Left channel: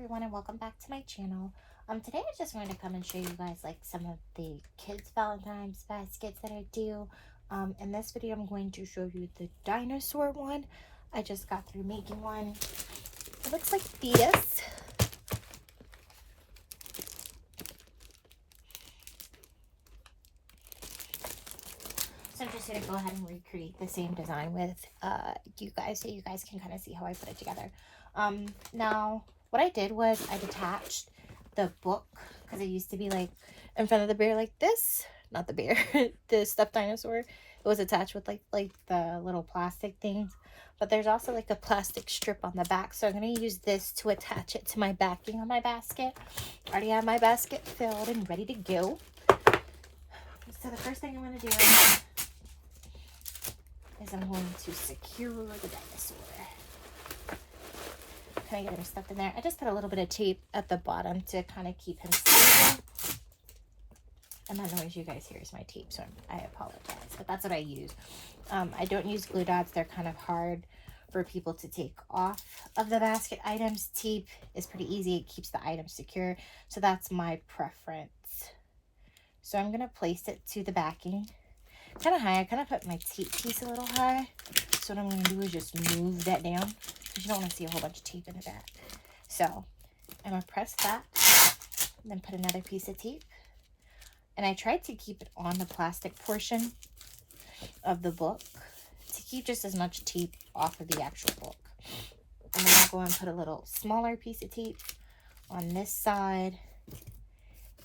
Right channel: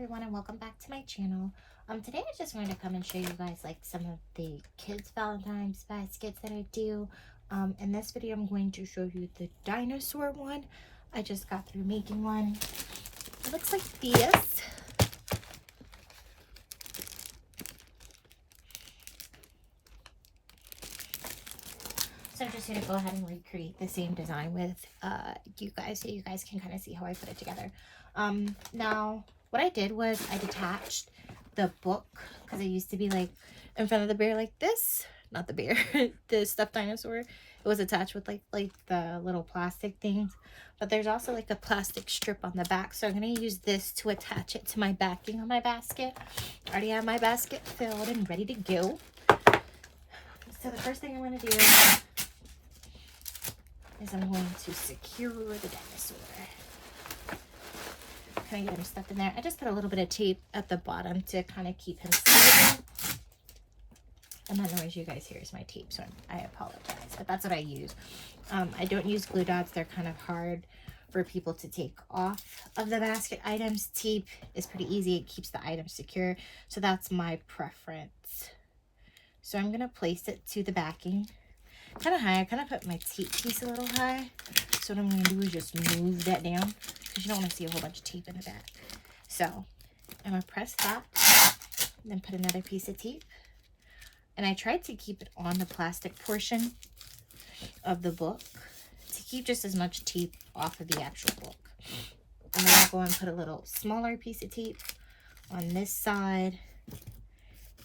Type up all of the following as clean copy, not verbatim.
everyone, and welcome back to my channel. Today I just wanted to come and show you guys like some of the kids Valentine's baskets that I do. In this video I'm going to show you the dinosaur one. I just got through making one. It looks like this. So I'm just going to go ahead and recreate the same design with you guys, so you guys can kind of see how I put it together. Now, what I did was I detached the book, because it used to be like in front of the bear like this. Not the bear, the stuffed dinosaur. It was attached with like the little plastic things. But there's also like the plastic strip on the back. So I'm going to use this to attach it to my backing on my basket. I already have my basket filled and ready to go. So the first thing I'm going to do is I'm going to secure the dinosaur. Can I get him stuck in there? I just put a little bit of tape at the bottom to kind of keep him safe. And that noise you guys hear is my tape, so I apologize. But that's what I use. I don't use glue dots. They're kind of hard for people to take off of the basket items. Tape is pretty easy. It keeps the items secure. So that's my preference. So I'm going to place it to the backing. Kind of high. I kind of put my tape piece a little high. So what I'm going to do is just move that down, because you don't want to see a whole bunch of tape in the back. So I'm going to press that, and then put another piece of tape. And I tried to keep it on the plastic portion of the book to keep just as much tape off of the actual book. And then I'll go and put a little smaller piece of tape on this side,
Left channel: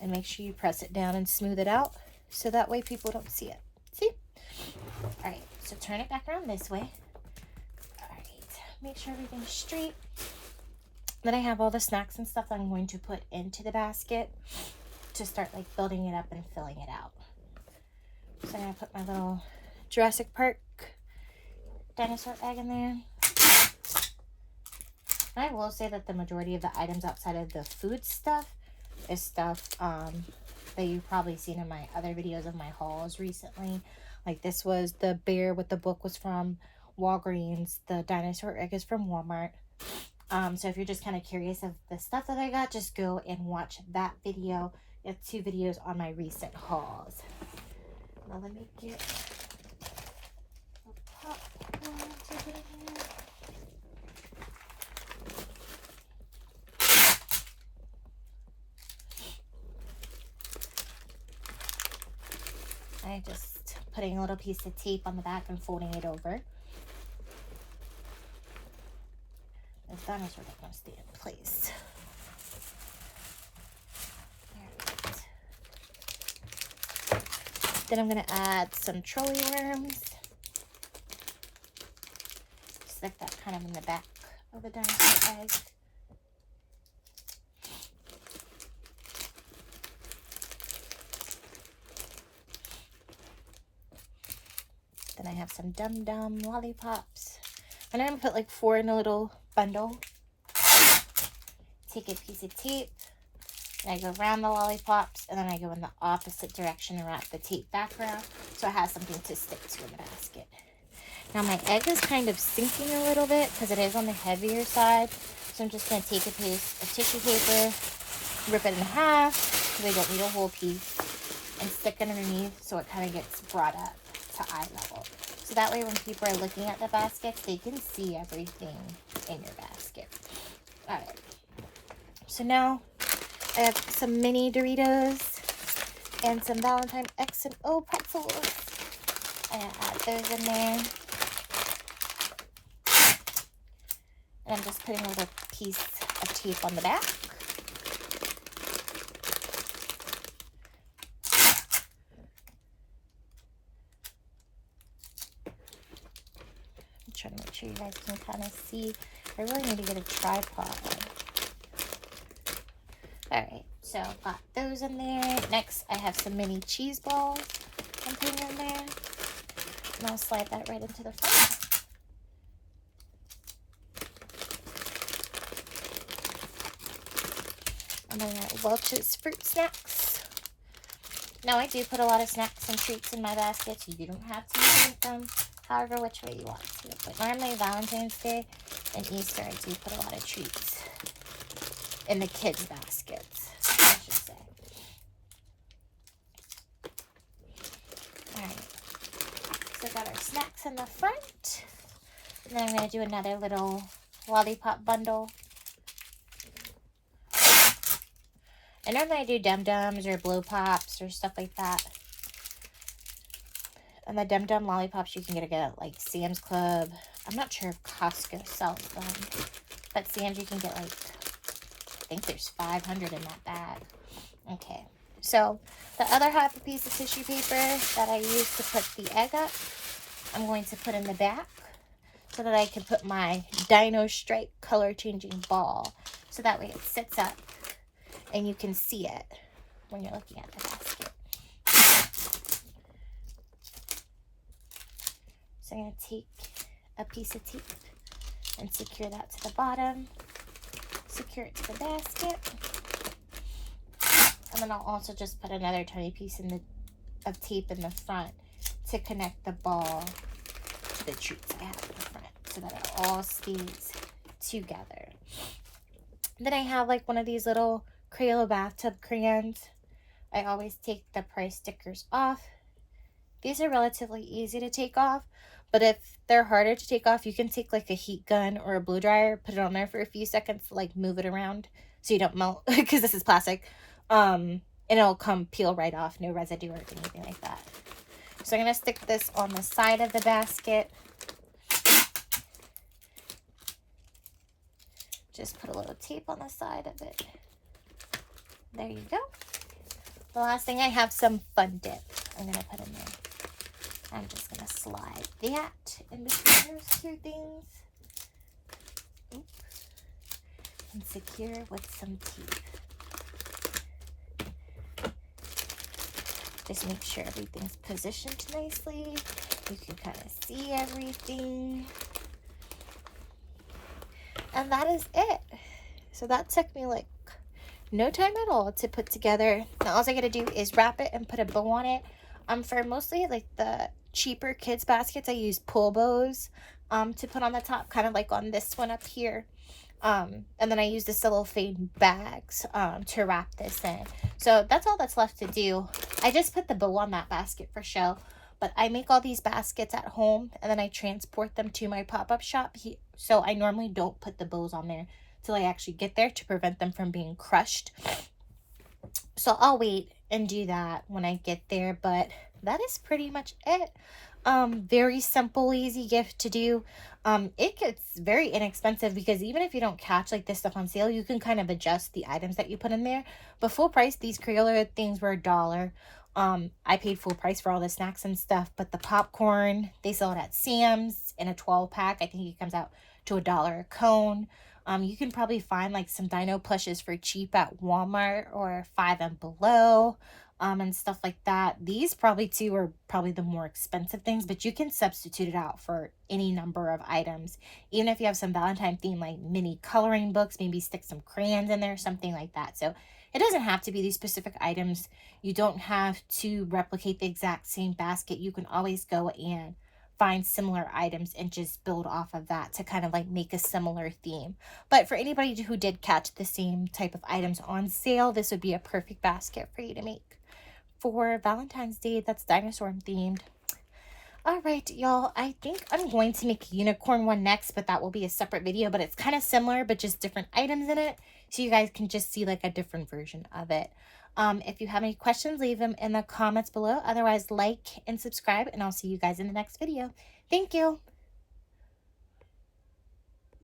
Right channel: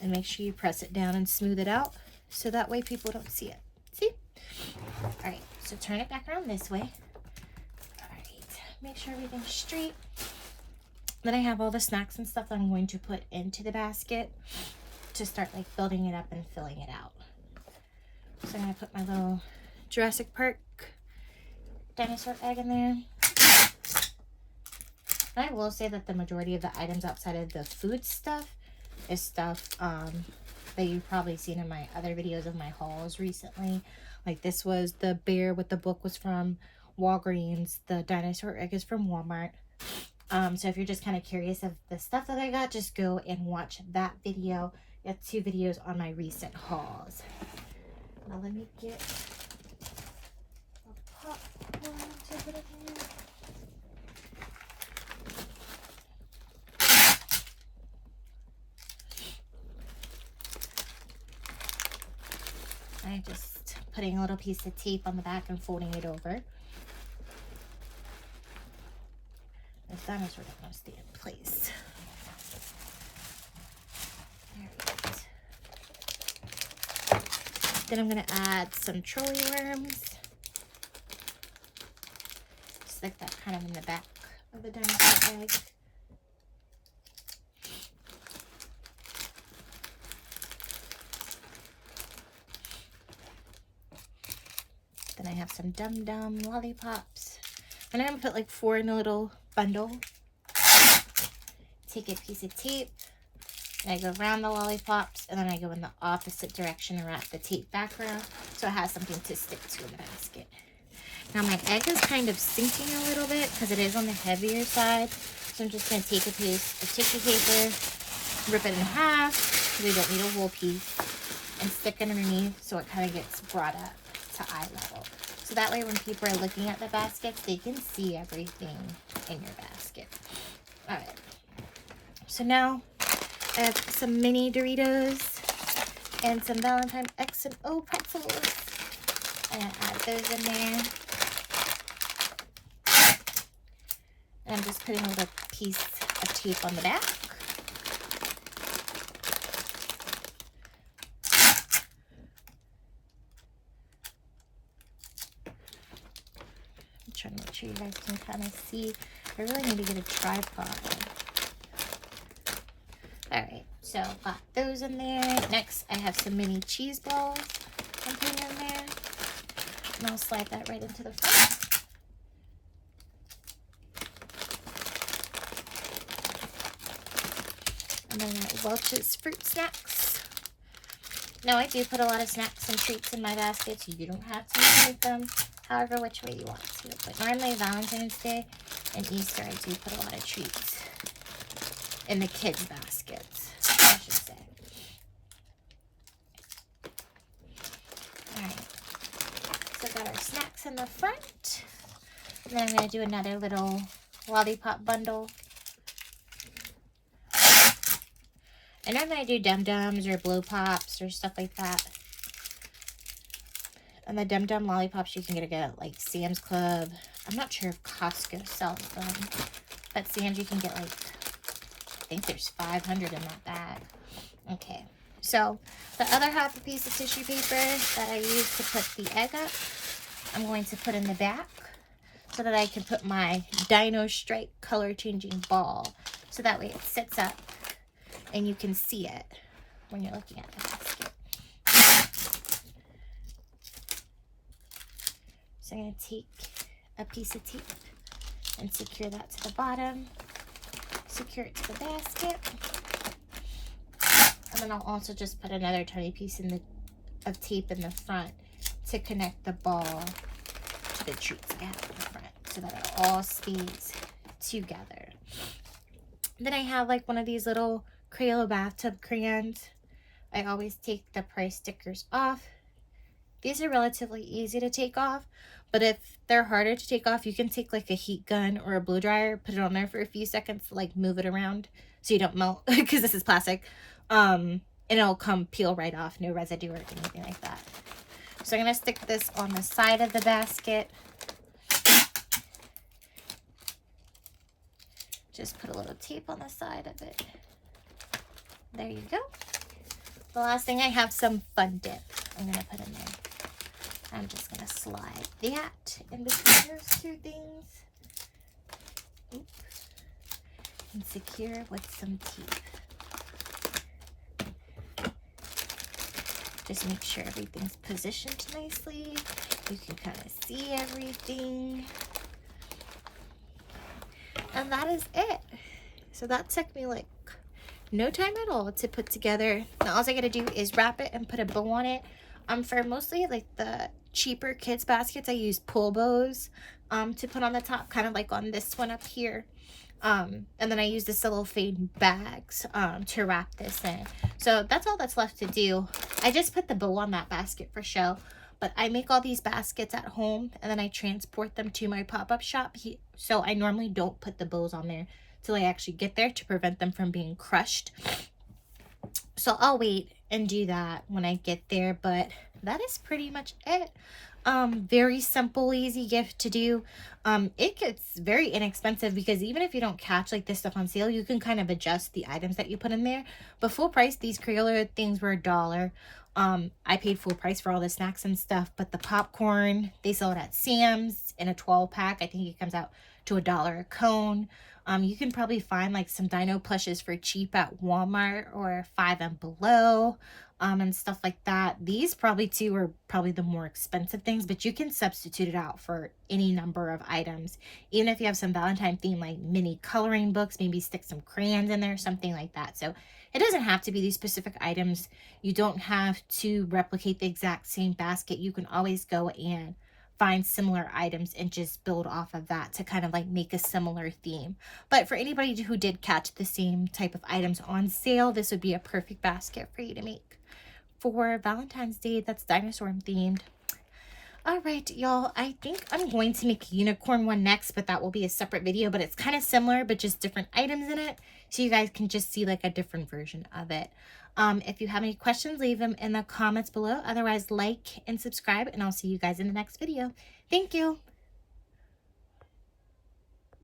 and make sure you press it down and smooth it out, so that way people don't see it. See? All right, so turn it back around this way. All right, make sure everything's straight. Then I have all the snacks and stuff that I'm going to put into the basket to start like building it up and filling it out. So I'm going to put my little Jurassic Park dinosaur egg in there. And I will say that the majority of the items outside of the food stuff is stuff that you've probably seen in my other videos of my hauls recently. Like this was the bear with the book was from Walgreens. The dinosaur egg is from Walmart. So if you're just kind of curious of the stuff that I got, just go and watch that video. I have 2 videos on my recent hauls. Now let me get the popcorn to put in here. I'm just putting a little piece of tape on the back and folding it over. The dinosaur doesn't want to stay in place. Then I'm going to add some trolley worms. Stick that kind of in the back of the dinosaur egg. Then I have some Dum Dum lollipops. And I'm going to put like 4 in a little bundle. Take a piece of tape. And I go around the lollipops, and then I go in the opposite direction and wrap the tape back around, so it has something to stick to in the basket. Now my egg is kind of sinking a little bit because it is on the heavier side. So I'm just going to take a piece of tissue paper, rip it in half, because I don't need a whole piece, and stick it underneath so it kind of gets brought up to eye level. So that way when people are looking at the baskets, they can see everything in your basket. Alright. So now I have some mini Doritos and some Valentine X and O pretzels. I'm going to add those in there. And I'm just putting a little piece of tape on the back. I'm trying to make sure you guys can kind of see. I really need to get a tripod. Alright, so got those in there. Next, I have some mini cheese balls I'm putting in there. And I'll slide that right into the front. And then Welch's fruit snacks. Now, I do put a lot of snacks and treats in my basket, so you don't have to make them however which way you want to. But normally Valentine's Day and Easter, I do put a lot of treats in the kids' baskets, I should say. All right. So got our snacks in the front. And then I'm going to do another little lollipop bundle. And I'm going to do Dum-Dums or Blow Pops or stuff like that. And the Dum-Dum lollipops you can get at like Sam's Club. I'm not sure if Costco sells them. But Sam's you can get like, I think there's 500 in that bag. Okay. So the other half a piece of tissue paper that I use to put the egg up, I'm going to put in the back so that I can put my Dino Strike color changing ball. So that way it sits up and you can see it when you're looking at the basket. So I'm going to take a piece of tape and secure that to the bottom. Secure it to the basket. And then I'll also just put another tiny piece of tape in the front to connect the ball to the treats I have in the front so that it all stays together. Then I have like one of these little Crayola bathtub crayons. I always take the price stickers off. These are relatively easy to take off, but if they're harder to take off, you can take like a heat gun or a blow dryer, put it on there for a few seconds to like move it around so you don't melt because this is plastic. And it'll peel right off, no residue or anything like that. So I'm going to stick this on the side of the basket. Just put a little tape on the side of it. There you go. The last thing, I have some Fun Dip I'm going to put in there. I'm just going to slide that in between those two things. Oops. And secure with some tape. Just make sure everything's positioned nicely. You can kind of see everything. And that is it. So that took me like no time at all to put together. Now all I gotta do is wrap it and put a bow on it. For mostly like the cheaper kids baskets, I use pull bows to put on the top, kind of like on this one up here. And then I use the cellophane bags to wrap this in. So that's all that's left to do. I just put the bow on that basket for show, but I make all these baskets at home and then I transport them to my pop-up shop. So I normally don't put the bows on there till I actually get there to prevent them from being crushed. So I'll wait and do that when I get there, but that is pretty much it. Very simple, easy gift to do. It gets very inexpensive because even if you don't catch like this stuff on sale, you can kind of adjust the items that you put in there. But full price, these Crayola things were $1. I paid full price for all the snacks and stuff, but the popcorn, they sell it at Sam's in a 12-pack. I think it comes out to $1 a cone. You can probably find like some dino plushes for cheap at Walmart or Five and Below. And stuff like that. These probably too are probably the more expensive things, but you can substitute it out for any number of items. Even if you have some Valentine theme like mini coloring books, maybe stick some crayons in there, something like that. So it doesn't have to be these specific items. You don't have to replicate the exact same basket. You can always go and find similar items and just build off of that to kind of like make a similar theme. But for anybody who did catch the same type of items on sale, this would be a perfect basket for you to make for Valentine's Day that's dinosaur themed. All right, y'all, I think I'm going to make a unicorn one next, but that will be a separate video, but it's kind of similar, but just different items in it, so you guys can just see like a different version of it. If you have any questions, leave them in the comments below. Otherwise, like and subscribe, and I'll see you guys in the next video. Thank you.